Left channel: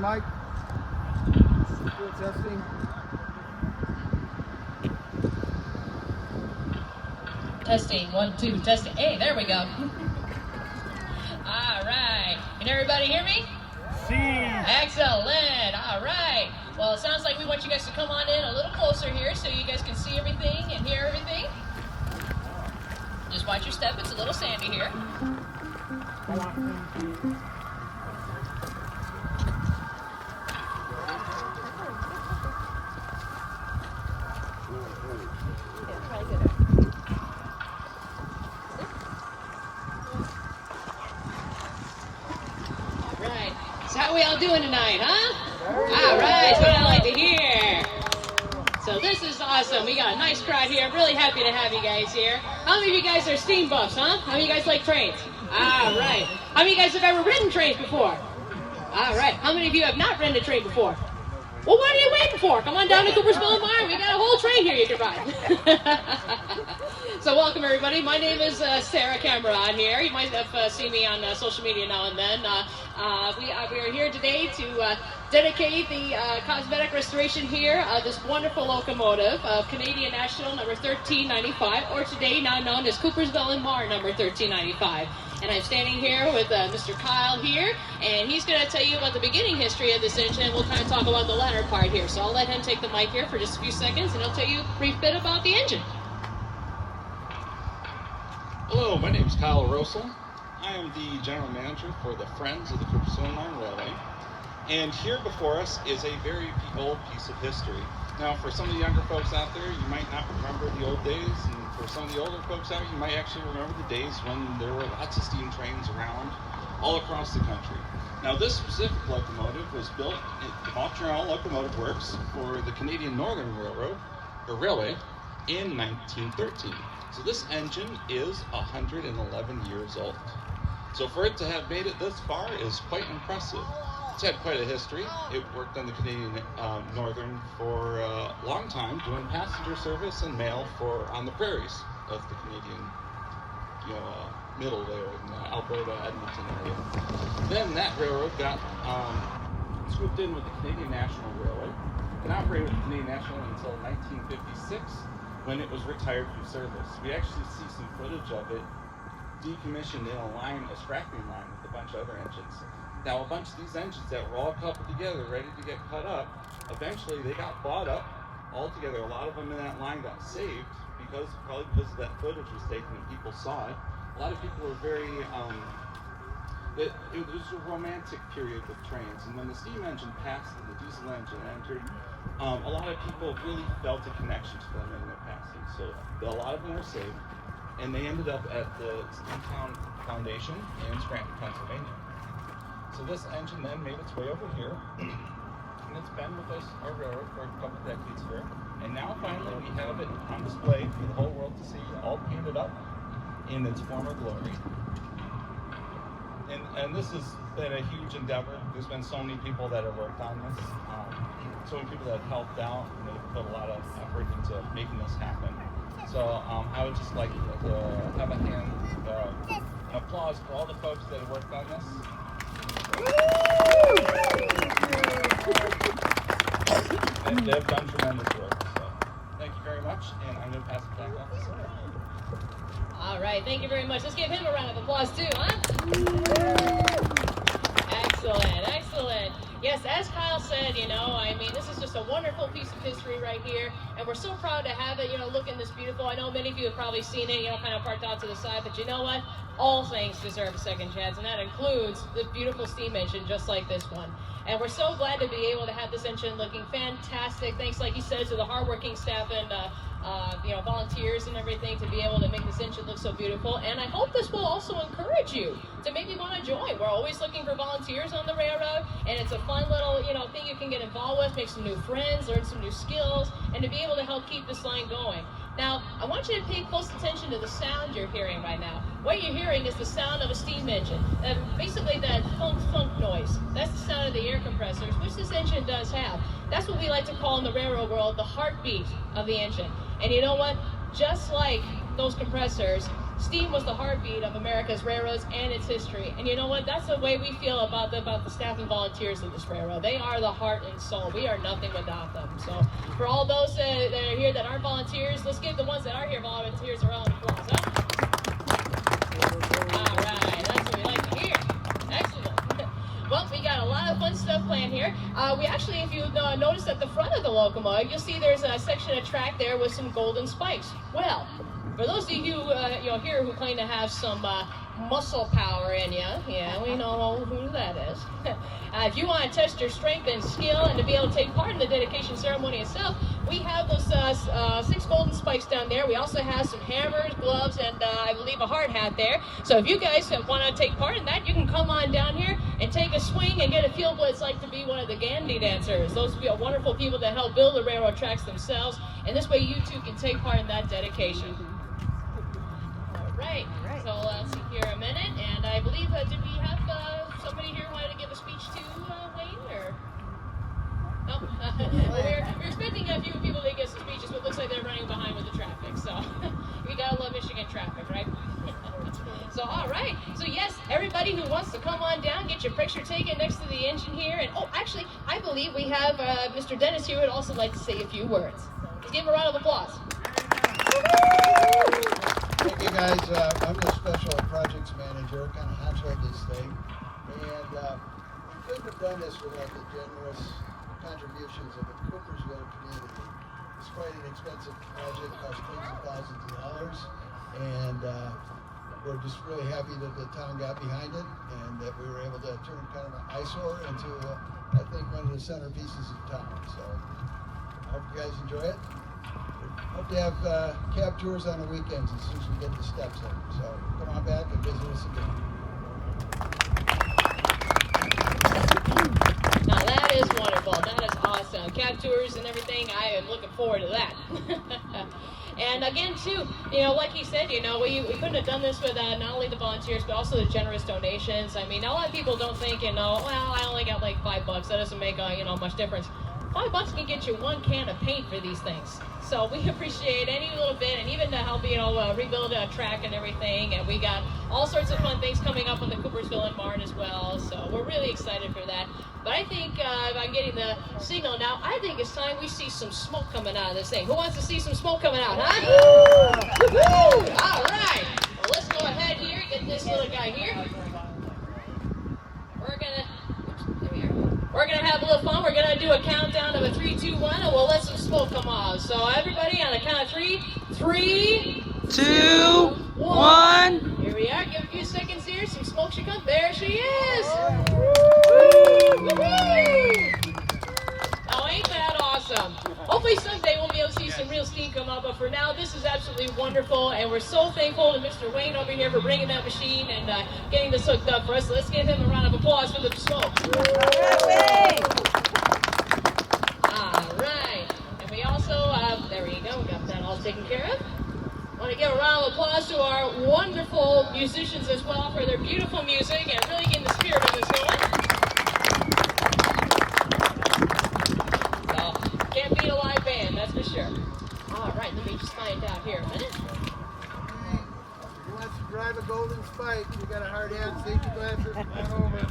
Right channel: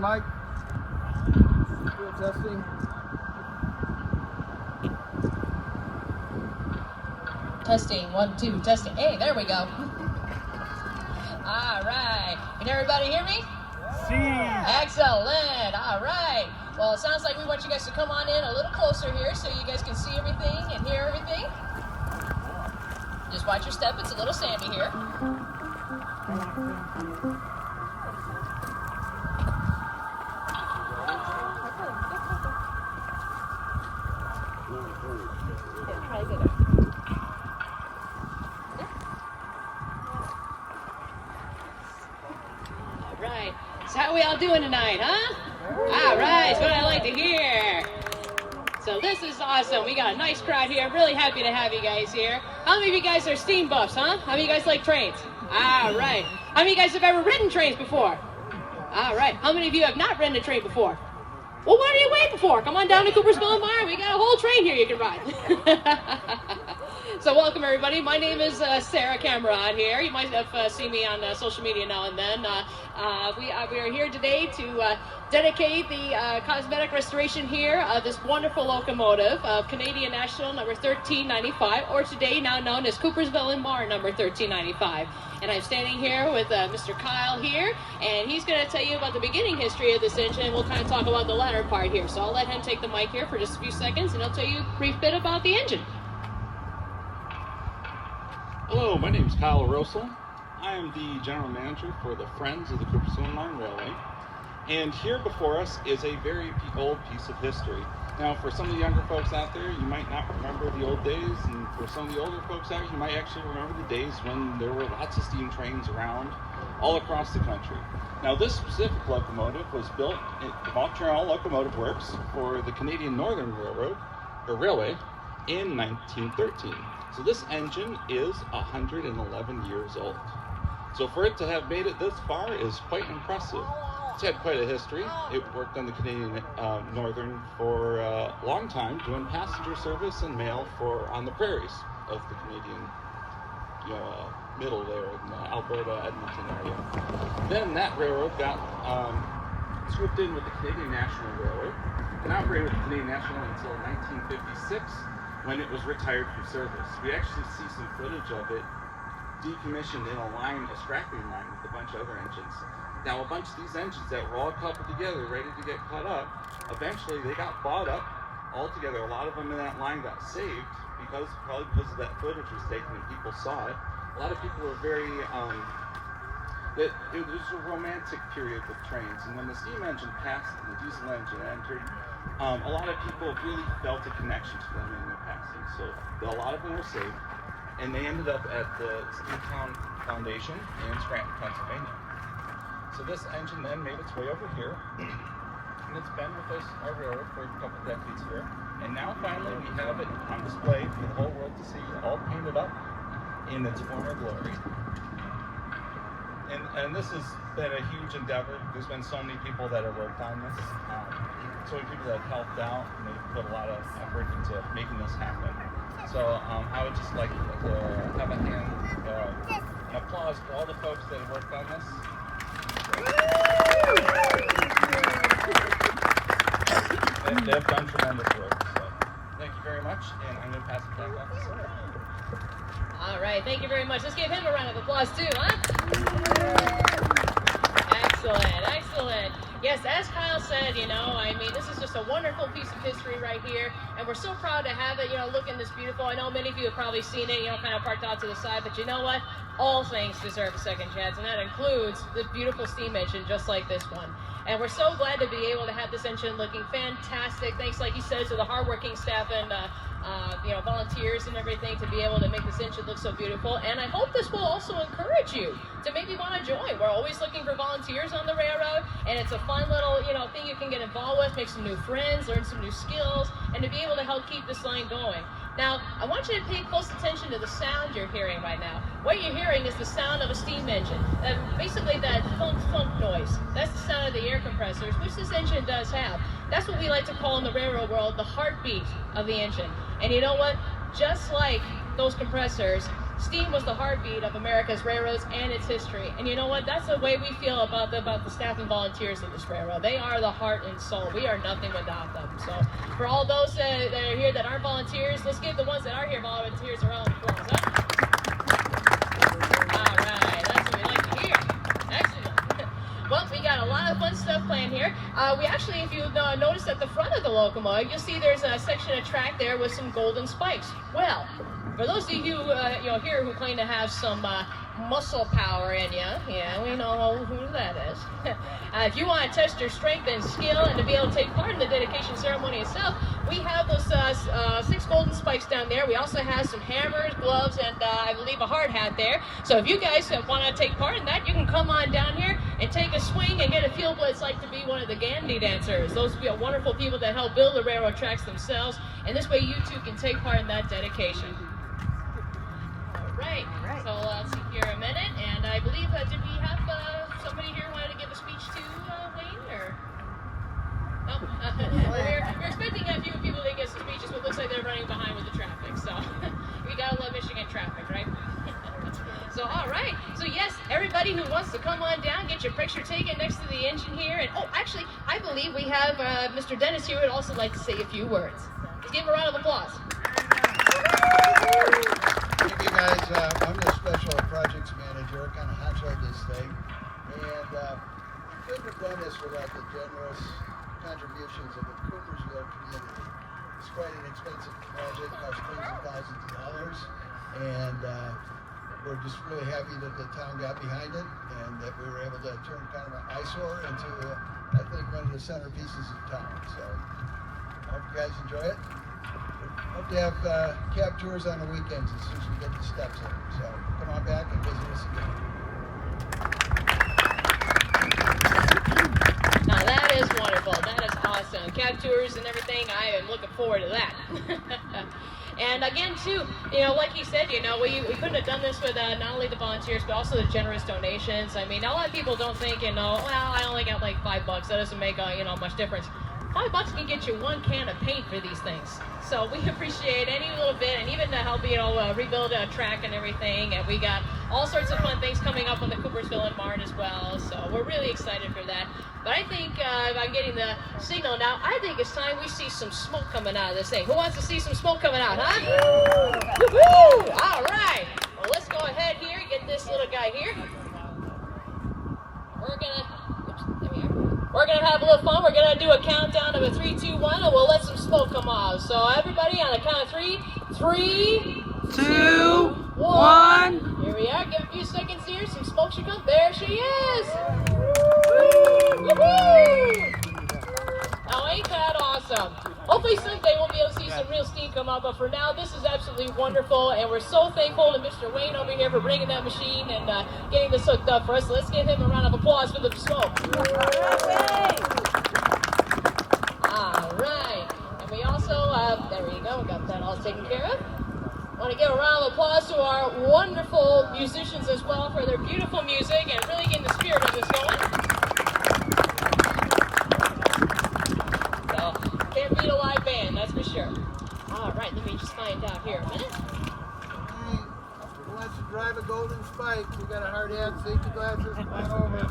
the mic. Testing. Testing, 1, 2, testing. Hey, there we go. All right. Can everybody hear me? See. Excellent. All right. Well, it sounds like we want you guys to come on in a little closer here so you guys can see everything and hear everything. Just watch your step. It's a little sandy here. Right. So how we all doing tonight, huh? All right, that's what I like to hear. So this is awesome. We got a nice crowd here. Really happy to have you guys here. How many of you guys are steam buffs, huh? How many of you guys like trains? All right. How many of you guys have ever ridden trains before? All right. How many of you have not ridden a train before? Well, what are you waiting for? Come on down to Coopersville and Marne. We got a whole train here you can ride. So welcome everybody. My name is Sarah Cameron here. You might have seen me on social media now and then. We are here today to dedicate the cosmetic restoration here of this wonderful locomotive of Canadian National number 1395, or today now known as Coopersville and Marne number 1395. And I'm standing here with Mr. Kyle here, and he's going to tell you about the beginning history of this engine, and we'll kind of talk about the latter part here. So I'll let him take the mic here for just a few seconds, and he'll tell you a brief bit about the engine. Hello, my name is Kyle Rosa. I am the general manager for the Friends of the Coopersville and Marne Railway. And here before us is a very old piece of history. Now, for some of the younger folks out there, you might not remember the old days, and for some of the older folks out, you might actually remember the days when there were lots of steam trains around all across the country. Now, this specific locomotive was built at the Montreal Locomotive Works for the Canadian Northern Railway in 1913. So this engine is 111 years old. So for it to have made it this far is quite impressive. It's had quite a history. It worked on the Canadian Northern for a long time, doing passenger service and mail on the prairies of the Canadian middle there in the Alberta, Edmonton area. Then that railroad got swooped in with the Canadian National Railway and operated with the Canadian National until 1956. When it was retired from service. We actually see some footage of it decommissioned in a scrapping line with a bunch of other engines. Now, a bunch of these engines that were all coupled together, ready to get cut up, eventually they got bought up all together. A lot of them in that line got saved probably because that footage was taken and people saw it. A lot of people were it was a romantic period with trains, and when the steam engine passed and the diesel engine entered, a lot of people really felt a connection to them in their passing. So a lot of them are saved, and they ended up at the Steamtown Foundation in Scranton, Pennsylvania. So this engine then made its way over here, and it's been with us, our railroad, for a couple decades here. And now finally we have it on display for the whole world to see, all painted up in its former glory. And this has been a huge endeavor. There's been so many people that have worked on this, so many people that have helped out and that have put a lot of effort into making this happen. So I would just like to have an applause for all the folks that have worked on this. They've done tremendous work. So thank you very much, and I'm going to pass it back off to Sarah. All right, thank you very much. Let's give him a round of applause too, huh? Excellent, excellent. Yes, as Kyle said, this is just a wonderful piece of history right here, and we're so proud to have it, looking this beautiful. I know many of you have probably seen it, kind of parked out to the side, but you know what? All things deserve a second chance, and that includes this beautiful steam engine just like this one. And we're so glad to be able to have this engine looking fantastic. Thanks, like you said, to the hardworking staff and volunteers and everything to be able to make this engine look so beautiful. And I hope this will also encourage you to maybe want to join. We're always looking for volunteers on the railroad, and it's a fun little thing you can get involved with, make some new friends, learn some new skills, and to be able to help keep this line going. Now, I want you to pay close attention to the sound you're hearing right now. What you're hearing is the sound of a steam engine. Basically that thunk noise. That's the sound of the air compressors, which this engine does have. That's what we like to call in the railroad world the heartbeat of the engine. And you know what? Just like those compressors, steam was the heartbeat of America's railroads and its history. And you know what? That's the way we feel about the staff and volunteers of this railroad. They are the heart and soul. We are nothing without them. So for all those that are here that aren't volunteers, let's give the ones that are here volunteers a round of applause. Huh? All right, that's what we like to hear. Excellent. Well, we got a lot of fun stuff planned here. We actually, if you notice at the front of the locomotive, you'll see there's a section of track there with some golden spikes. Well, for those of you here who claim to have some muscle power in you, yeah, we know who that is. If you want to test your strength and skill and to be able to take part in the dedication ceremony itself, we have those 6 golden spikes down there. We also have some hammers, gloves, and I believe a hard hat there. So if you guys want to take part in that, you can come on down here and take a swing and get a feel of what it's like to be one of the Gandhi dancers. Those wonderful people that help build the railroad tracks themselves. And this way you too can take part in that dedication. Right. So let's see here a minute, and I believe did we have somebody here who wanted to give a speech to Wayne, or? Oh, we're expecting a few people to get some speeches, but it looks like they're running behind with the traffic. So we gotta love Michigan traffic, right? So all right. So yes, everybody who wants to come on down, get your picture taken next to the engine here, and oh, actually, I believe we have Mr. Dennis here who would also like to say a few words. Let's give him a round of applause. Thank you guys. I'm the special projects manager, kind of handle this thing. And we couldn't have done this without the generous contributions of the Coopersville community. It's quite an expensive project, costs tens of thousands of dollars. And we're just really happy that the town got behind it and that we were able to turn kind of an eyesore into, I think, one of the centerpieces of town. So I hope you guys enjoy it. Hope you have cab tours on the weekends as soon as we get the steps in. So come on back and visit us again. Now that is wonderful. That is awesome. Cab tours and everything. I am looking forward to that. And again, too, like he said, we couldn't have done this with not only the volunteers, but also the generous donations. I mean, a lot of people don't think, well, I only got like $5. That doesn't make, much difference. $5 can get you 1 can of paint for these things. So we appreciate any little bit, and even to help, rebuild a track and everything. And we got all sorts of fun things coming up on the Coopersville and Marne as well. So we're really excited for that. But I think I'm getting the signal now. I think it's time we see some smoke coming out of this thing. Who wants to see some smoke coming out, huh? Woo! All right. Well, let's go ahead here, get this little guy here. We're gonna have a little fun. We're gonna do a countdown of a 3, 2, 1, and we'll let some smoke come off. So everybody, on the count of 3, 3, 2, 1. Here we are. Give a few seconds here. Some smoke should come. There she is. Woo-hoo! Oh, ain't that awesome? Hopefully someday we'll be able to see some real steam come out. But for now, this is absolutely wonderful, and we're so thankful to Mr. Wayne over here for bringing that machine and getting this hooked up for us. So let's give him a round of applause for the smoke. All right. And we also, there you go, we got that all taken care of. Want to give a round of applause to our wonderful musicians as well for their beautiful music and really getting the spirit of this going. So, can't beat a live band, that's for sure. All right, let me just find out here a minute. Who wants to drive a golden spike? We got a hard hat, safety glasses, right over.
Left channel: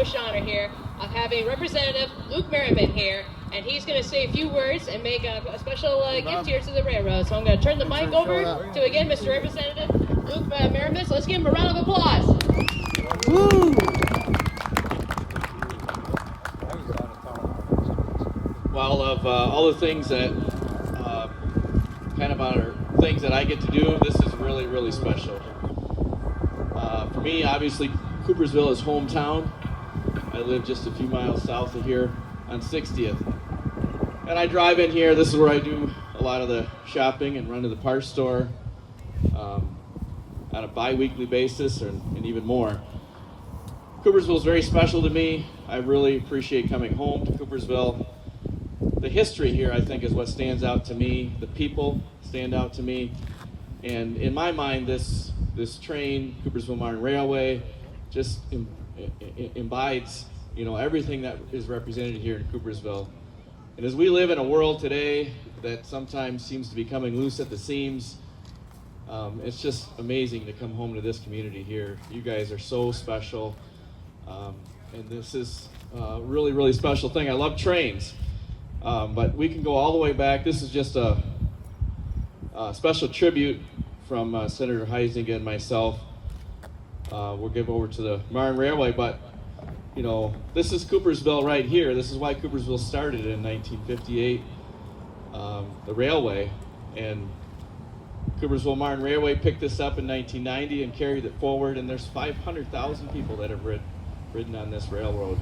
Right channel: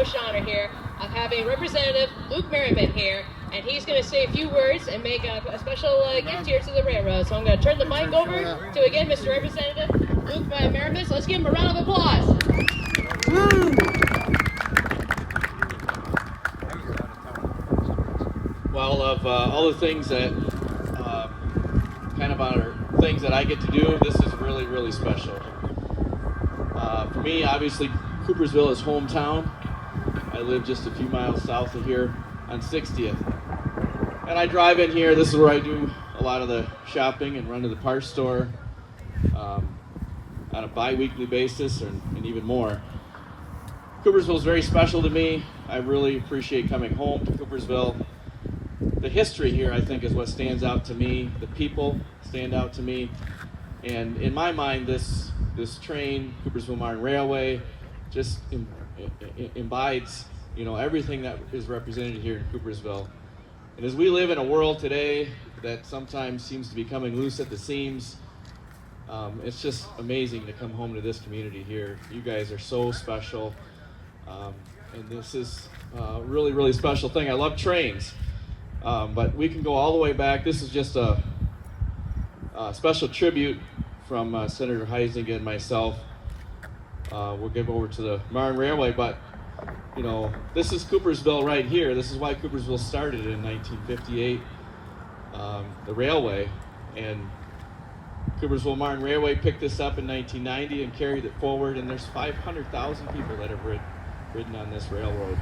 distinguished honor here of having Representative Luke Merriman here, and he's going to say a few words and make a special gift here to the railroad. So I'm going to turn the mic over to, again, Mr. Representative Luke Merriman. So let's give him a round of applause. Woo! Well, of all the things that kind of are things that I get to do, this is really, really special. For me, obviously, Coopersville is hometown. I live just a few miles south of here on 60th. And I drive in here. This is where I do a lot of the shopping and run to the parts store on a bi-weekly basis and even more. Coopersville is very special to me. I really appreciate coming home to Coopersville. The history here, I think, is what stands out to me. The people stand out to me. And in my mind, this train, Coopersville Marne Railway, just embodies, everything that is represented here in Coopersville. And as we live in a world today that sometimes seems to be coming loose at the seams, it's just amazing to come home to this community here. You guys are so special. And this is a really, really special thing. I love trains. But we can go all the way back. This is just a special tribute from Senator Heisinger and myself. We'll give over to the Marne Railway, but this is Coopersville right here. This is why Coopersville started in 1958, the railway, and Coopersville Marne Railway picked this up in 1990 and carried it forward, and there's 500,000 people that have ridden on this railroad.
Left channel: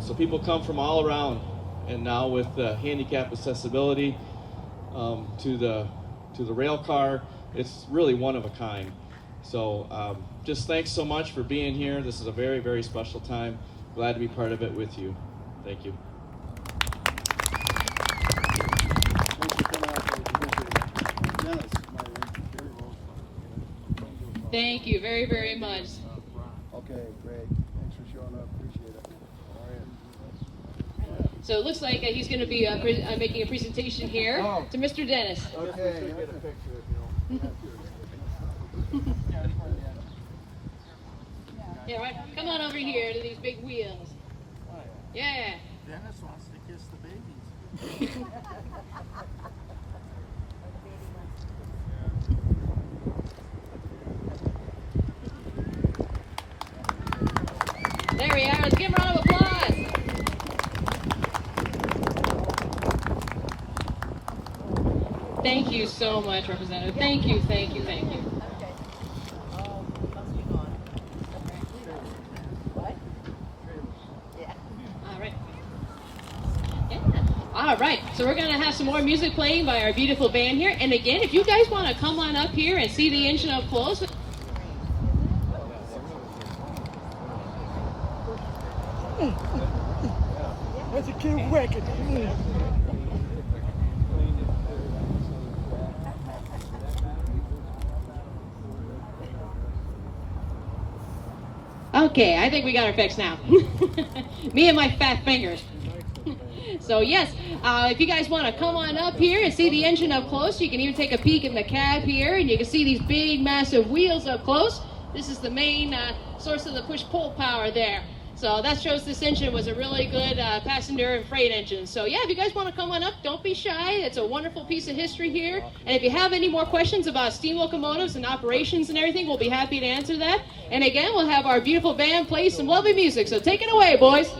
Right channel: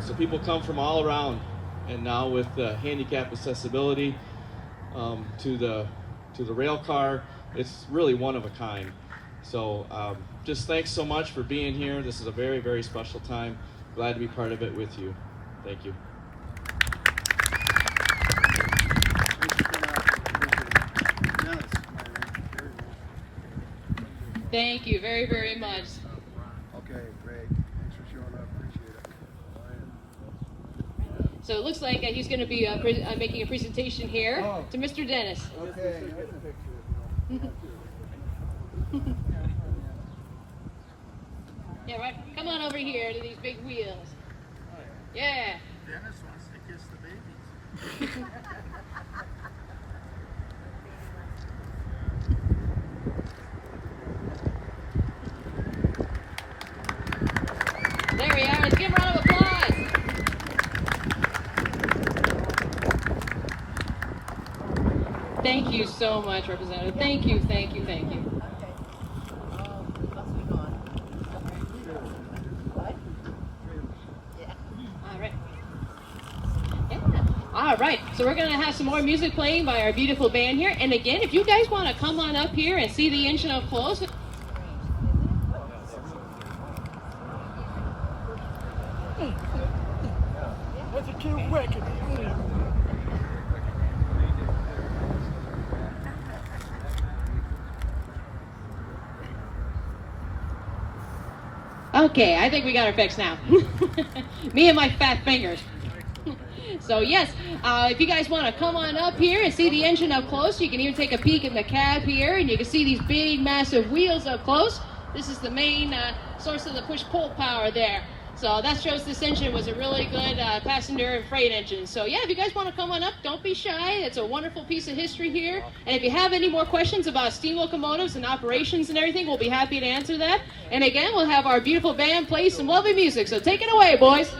So people come from all around, and now with handicap accessibility to the rail car, it's really one of a kind. So just thanks so much for being here. This is a very, very special time. Glad to be part of it with you. Thank you. Thank you very, very much. Okay, great. Thanks for showing up. Appreciate it. All right. So it looks like he's going to be making a presentation here to Mr. Dennis. Okay. Yeah, right. Come on over here to these big wheels. Yeah. Dennis wants to kiss the babies. There we are. Let's give him a round of applause. Thank you so much, Representative. Thank you, thank you, thank you. All right, so we're going to have some more music playing by our beautiful band here. And again, if you guys want to come on up here and see the engine up close. That's a kid record. Okay, I think we got her fixed now. Me and my fat fingers. So yes, if you guys want to come on up here and see the engine up close, you can even take a peek in the cab here, and you can see these big, massive wheels up close. This is the main source of the push-pull power there. So that shows this engine was a really good passenger and freight engine. So yeah, if you guys want to come on up, don't be shy. It's a wonderful piece of history here. And if you have any more questions about steam locomotives and operations and everything, we'll be happy to answer that. And again, we'll have our beautiful band play some lovely music. So take it away, boys.